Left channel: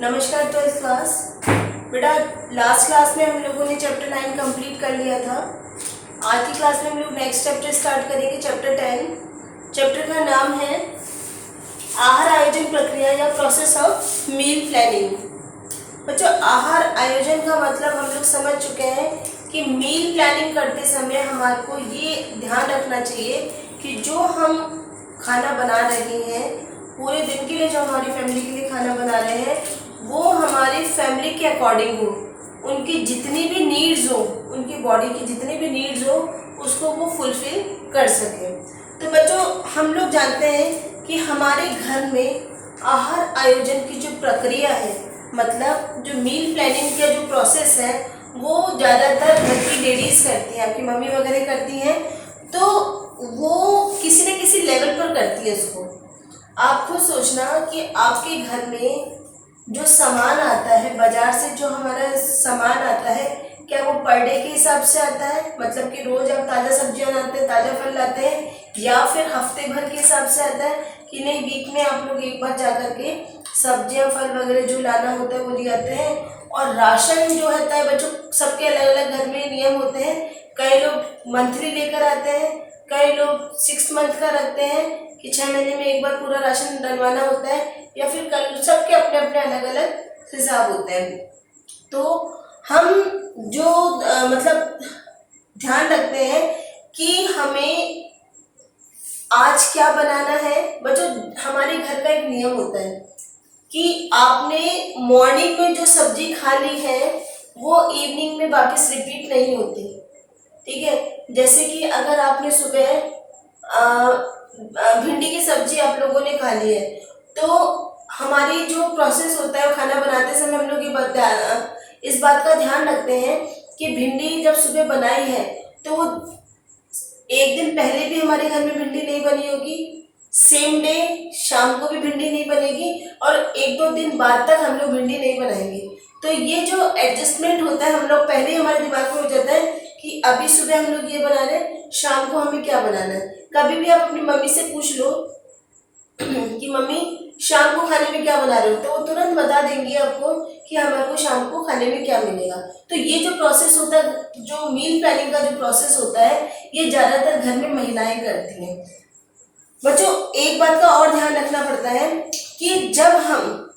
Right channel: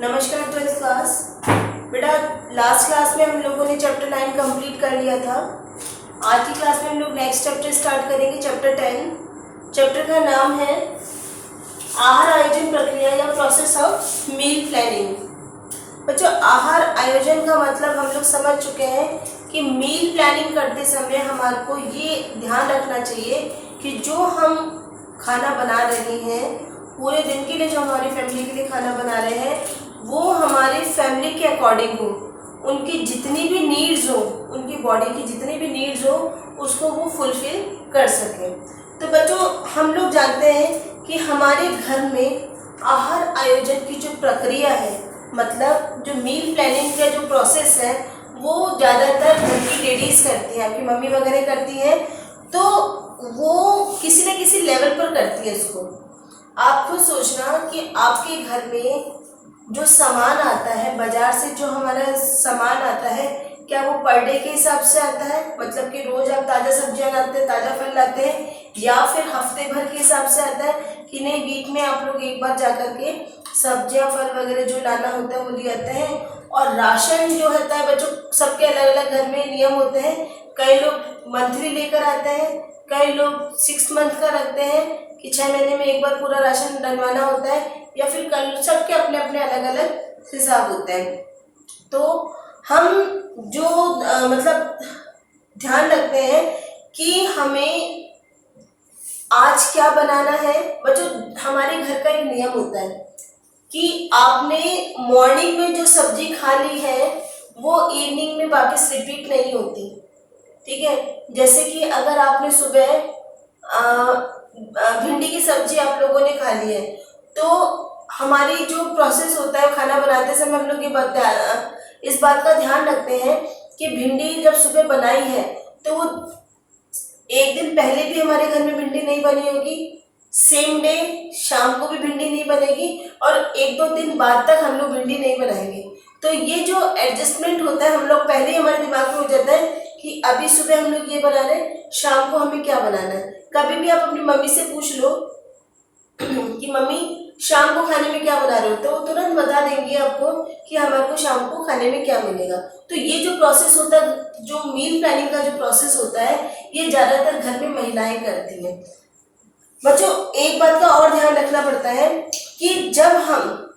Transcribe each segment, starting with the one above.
नमस्कार twelfth class. बेटा last class में हम लोगों ने चैप्टर 9 कंप्लीट कर लिया था। आज की क्लास में हम लोग नेक्स्ट चैप्टर स्टार्ट करेंगे, चैप्टर 10। चैप्टर का नाम है आहार आयोजन प्रक्रिया या प्रोसेस ऑफ मील प्लानिंग। बच्चों, आहार आयोजन का मतलब हम लोग समझ चुके हैं कि मील प्लानिंग करते समय हमारे को ये ध्यान रखना चाहिए कि जो हम खाना बना रहे हैं पूरे दिन के लिए, जो हमारी फैमिली के लिए खाना बना रहे हैं, वो हमारी फैमिली के अकॉर्डिंग हो, उनकी जितनी भी नीड्स हो, उनकी बॉडी की जितनी भी नीड्स हो, उसको वो फुलफिल कर सकें। तो बच्चों, हम लोग जानते हैं कि हमारे घर में आहार आयोजन की जो प्रक्रिया है, मतलब जो मील प्लानिंग का जो प्रोसेस है, वो ज़्यादातर घर की लेडीज़ करती हैं, आपकी मम्मी वगैरह करती हैं। तो वो किसी न किसी लेवल पर करती है इसको। आप खुद सोचना कि आपके घर में जो सामान आता है बाजार से, जो हमारा सामान आता है, क्या वो पर डे के हिसाब से आता है, मतलब कि रोज आप ताज़ा सब्जियां लाते हैं, ताज़ा फल लाते हैं, या फिर हफ्ते भर के हिसाब से आता है कि नहीं, वीक में आप लोग एक बार जा कर के सब्जियां फल वगैरह जो लाना होता है वो ले आते हैं। और राशन जो होता है बच्चों, सबके अलग अलग घर में नियम होते हैं। कई लोग मंथली लेकर आते हैं, कई लोग 6 मंथ का रखते हैं कि 6 महीने में एक बार पूरा राशन डलवाना होता है, या फिर कल सबके अपने अपने अलग अलग हिसाब होते हैं। तो हम जो मतलब ध्यान रखते हैं कि हमें आज क्या बनाना है। बच्चों, हमारे घर का एक नियम होता है कि आपने मॉर्निंग में जो सब्जी खा ली है वो इवनिंग में वापस रिपीट नहीं होती, ठीक है। जैसे कि अगर आपने सुबह भिंडी की सब्जी आप लोगों ने खा ली है, तो हमारी जो प्रोसेस होता है खाना बनाते समय हम लोग इस बात का ध्यान रखते हैं कि भिंडी जब सुबह बनाई है तो वो एक दिन पहले भी हमारे घर में भिंडी नहीं बनी होगी, सेम डे शाम को भी भिंडी नहीं बनेगी, और 1-2 दिन बाद तक हम लोग भिंडी नहीं बनाएंगे। तो ये जो एडजस्टमेंट होता है, हम लोग पहले ही हमारे दिमाग में हो जाता है कि अभी सुबह हम लोग ये बना रहे हैं, शाम को हमें क्या बनाना है। कभी भी आप अपनी मम्मी से पूछ लो कि मम्मी शाम को खाने में क्या बना रहे हो, तो वो तुरंत बता देंगी आपको कि हमारे को शाम को खाने में क्या मिलेगा। तो ये जो प्रोसेस होता है, जो मील प्लानिंग का जो प्रोसेस होता है, ये ज़्यादातर घर में महिलाएं करती हैं। बच्चों, एक बात का और ध्यान रखना पड़ता है कि जब हम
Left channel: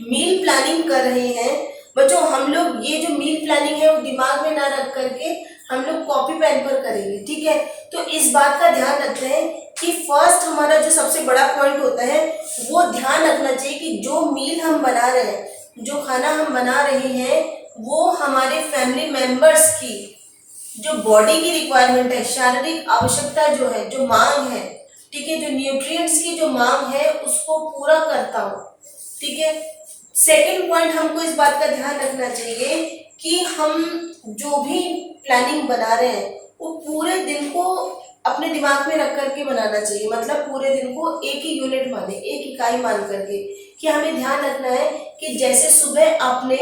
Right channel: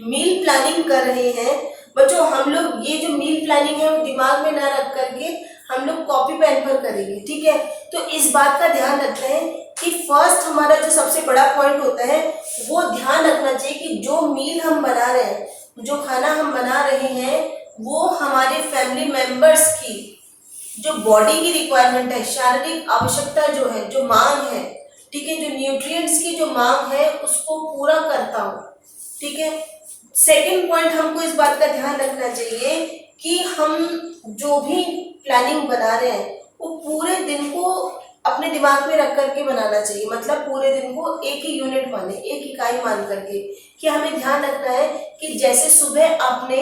मील प्लानिंग कर रहे हैं बच्चों, हम लोग ये जो मील प्लानिंग है वो दिमाग में ना रख करके हम लोग कॉपी पेन पर करेंगे, ठीक है। तो इस बात का ध्यान रखते हैं कि फर्स्ट हमारा जो सबसे बड़ा पॉइंट होता है वो ध्यान रखना चाहिए कि जो मील हम बना रहे हैं, जो खाना हम बना रहे हैं, वो हमारे फैमिली मेंबर्स की जो बॉडी की रिक्वायरमेंट है, शारीरिक आवश्यकता जो है, जो मांग है, ठीक है, जो न्यूट्रिएंट्स की जो मांग है उसको पूरा करता हो, ठीक है। सेकंड पॉइंट, हमको इस बात का ध्यान रखना चाहिए कि हम जो भी प्लानिंग बना रहे हैं वो पूरे दिन को अपने दिमाग में रख करके बनाना चाहिए, मतलब पूरे दिन को एक ही यूनिट माने, एक इकाई मान करके, कि हमें ध्यान रखना है कि जैसे सुबह आपने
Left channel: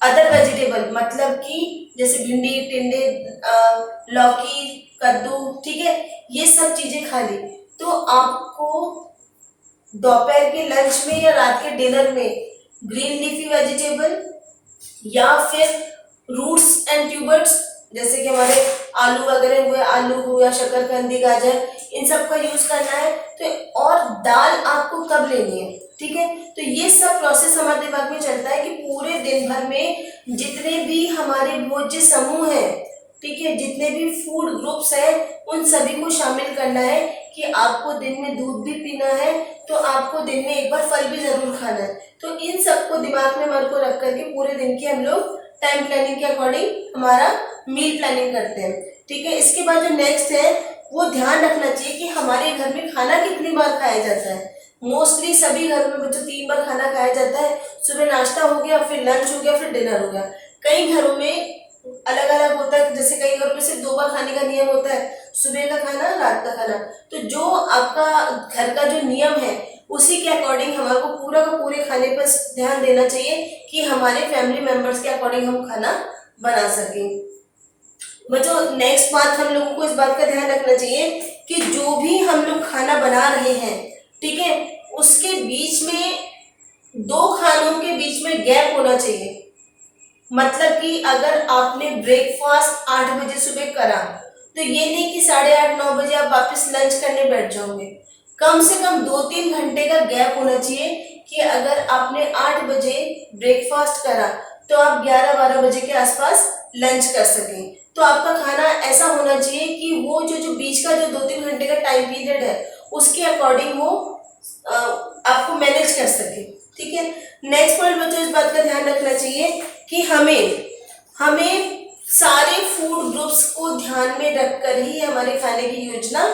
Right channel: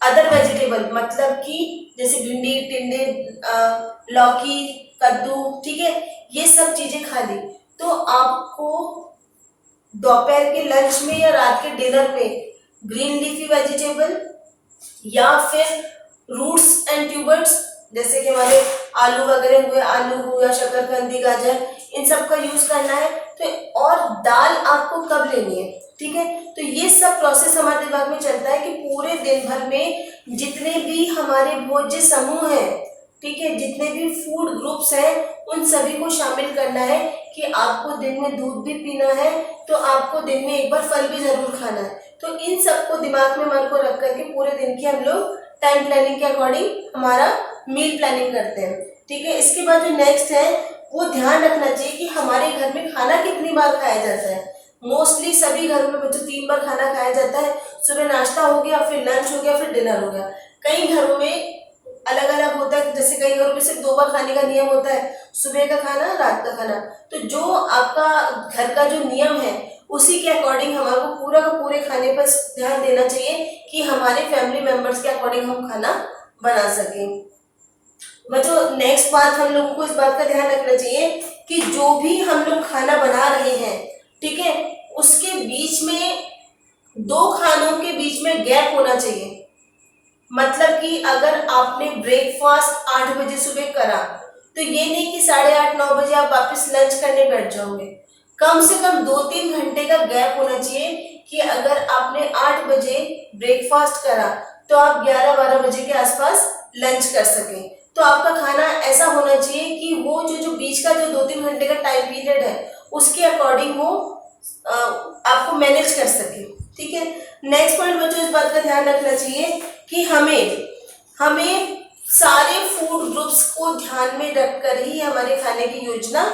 अदर वेजिटेबल, मतलब कि जैसे भिंडी, टिंडे, लौकी, कद्दू, ठीक है, ये सब चीजें खा ली, तो आपको दोपहर के लंच में या रात के डिनर में ग्रीन लीफी वेजिटेबल या फिर रूट्स एंड ट्यूबर्स, जैसे कि हमारे आलू वगैरह हुए, आलू हो या शकरकंदी, गाजर, इन सब का यूज करना है। तो और दाल आपको कब लेनी है, ठीक है। तो ये सब प्रोसेस हमारे दिमाग में चलता है कि पूरे दिन भर में जितने भी हमारे भोज्य समूह है, ठीक है, जितने भी फूड ग्रुप्स हैं, उन सभी को शामिल करना है कि आपको दिन में दूध भी पीना है, तो आपको दिन में एक बार फल भी जरूर खाना है। तो इन सबको दिमाग में मन को रख करके पूरे दिन की हम लोग टाइम प्लानिंग के अकॉर्डिंग हमारा मील प्लानिंग करते हैं, ठीक है। इसके बाद जो नेक्स्ट है वो ध्यान रखना चाहिए कि हमारे घर में खाना कितनी बार खाया जाता है। मोस्टली सभी घरों में बच्चों 3 बार खाना खाया जाता है। सुबह नाश्ता हो गया, फिर लंच हो गया, फिर डिनर हो गया। कई घरों में अलग अलग होता है, जैसे कई घरों में सिर्फ 2 बार खाने का नियम होता है, सुबह का खाना, रात का खाना। तो जो आपका घर का जो नियम है उसी के अकॉर्डिंग हमारे को पूरा का पूरे खाने पर ध्यान देना चाहिए कि हमारे फैमिली मेंबर्स के अकॉर्डिंग हम खाना बना सकें। बच्चों, नेक्स्ट बात हम लोगों को इस बात का ध्यान रखना चाहिए कि जो भी हम लोग खाना बना रहे हैं, ठीक है, उसके बीच में दो खानों के बीच में गैप होना चाहिए। मतलब कि अगर आपने ब्रेकफास्ट 8 बजे सुबह करा, तो ये नहीं कि 8:30-9 बजे आप वापस लंच करने बैठ जाओगे। कम से कम 2-3 घंटे का गैप होना चाहिए कि अगर आपने 8 बजे ब्रेकफास्ट करा तो आप 11-12 बजे के आसपास लंच कर सकें। तो आपका खाना ऐसा होना चाहिए कि वो जो बीच का जो 2-3 घंटे का टाइम पीरियड है उसके अकॉर्डिंग वो आपको मैनेज कर सके। ठीक है। नेक्स्ट पॉइंट बच्चों, इस बात का ध्यान रखना चाहिए कि हमें सारे फूड ग्रुप्स को ध्यान में रखकर ही हमारे खाने की योजना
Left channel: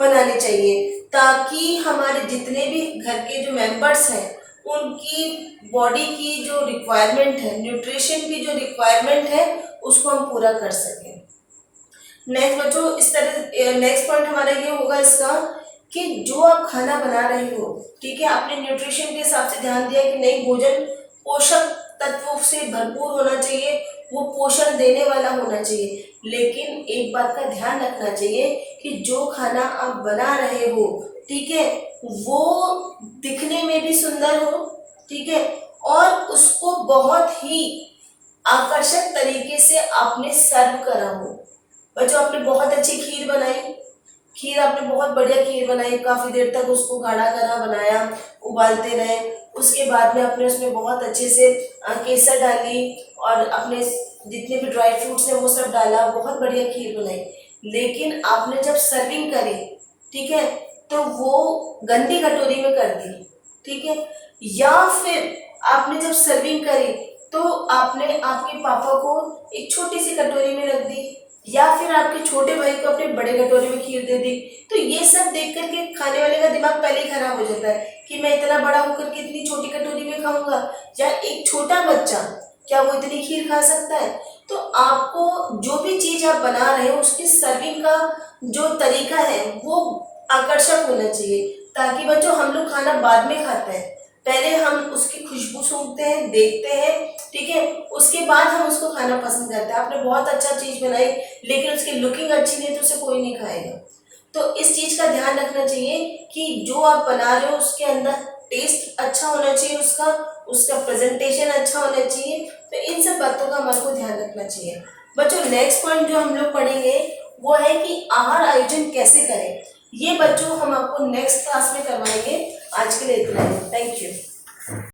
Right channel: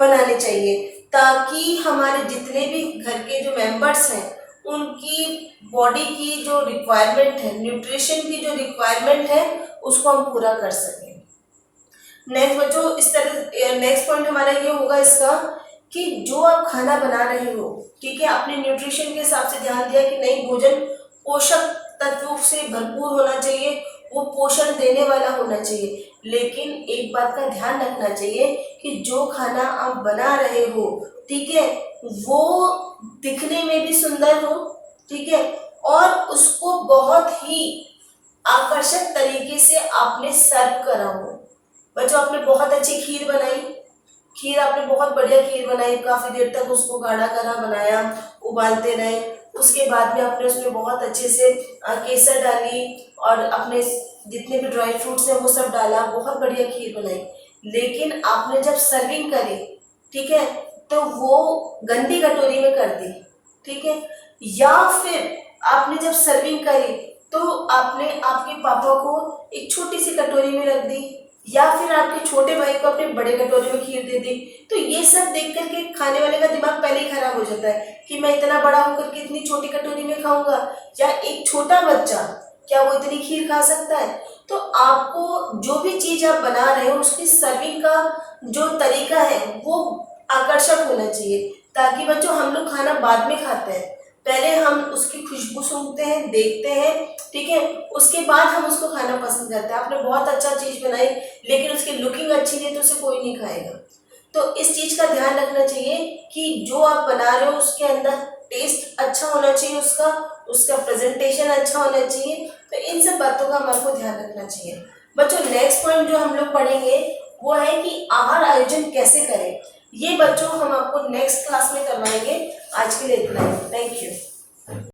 बनानी चाहिए, ताकि हमारे जितने भी घर के जो मेंबर्स हैं उनकी बॉडी की जो रिक्वायरमेंट है, न्यूट्रिशन की जो रिक्वायरमेंट है, उसको हम पूरा कर सकें। नेक्स्ट बच्चों, इस तरह नेक्स्ट पॉइंट हमारा ये होगा इसका कि जो आप खाना बना रहे हो, ठीक है, आपने न्यूट्रिशन के हिसाब से ध्यान दिया कि नहीं, भोजन पोषक तत्वों से भरपूर होना चाहिए, वो पोषण देने वाला होना चाहिए। लेकिन एक बात का ध्यान रखना चाहिए कि जो खाना आप बना रहे हो, ठीक है, वो दिखने में भी सुंदर हो, ठीक है, और उसको बहुत ही आकर्षक तरीके से आपने सर्व करा हो। बच्चों, आपने बहुत अच्छी खीर बनाई, खीर आपने बहुत बढ़िया खीर बनाई, काफ़ी देर तक उसको गाढ़ा करा बनाया, उबालते रहे, उसके बाद में आपने उसमें बहुत अच्छे से केसर डाली और अपने जितने भी ड्राई फ्रूट्स हैं वो सब डाला, बहुत बढ़िया खीर बनाई। लेकिन आपने जब सर्विंग करी, ठीक है, तो वो गंदी कटोरी में कर दी, ठीक है, या फिर आपने जब सर्विंग करी तो आपने आपके पापा को एक छोटी सी कटोरी में रख दी, या फिर आपके छोटे भाई को अपने बड़े कटोरे में खीर दे दी। तो ये सब देख करके खाने वाले का दिमाग पहले ही खराब हो जाता है कि मैं इतना बड़ा होकर के इतनी छोटी कटोरी में खाऊंगा, या एक छोटा बच्चा क्या वो इतनी खीर खा सकता है। तो आपको जो भी चीज़ आप बना रहे हो उसकी सर्विंग का जो तरीका है वो आकर्षक होना चाहिए, ताकि बच्चों हम लोग खाना बाद में खाते हैं, पहले हम उसकी खुशबू सूंघते हैं, देखते हैं, ठीक है, उसके बाद हम उसको खाना पसंद करते हैं। आपने बहुत अच्छा चीज़ बनाई लेकिन उसकी लुकिंग अच्छी नहीं है तो उसे कोई नहीं खाएगा। तो इस चीज़ का ध्यान रखना चाहिए कि जो आप बना रहे हो उसके अंदर टेस्ट अच्छा होना चाहिए, उसका प्रेजेंटेशन अच्छा होना चाहिए। तो इन सब बातों का हमारे को ध्यान रखना चाहिए। बच्चों, नेक्स्ट पॉइंट जो हम लोग पढ़ेंगे वो है कि आहार आयोजन कैसे करें। ये बच्चों हम आपको नेक्स्ट क्लास में करवाएंगे। आज के लिए इतना ही। Thank you.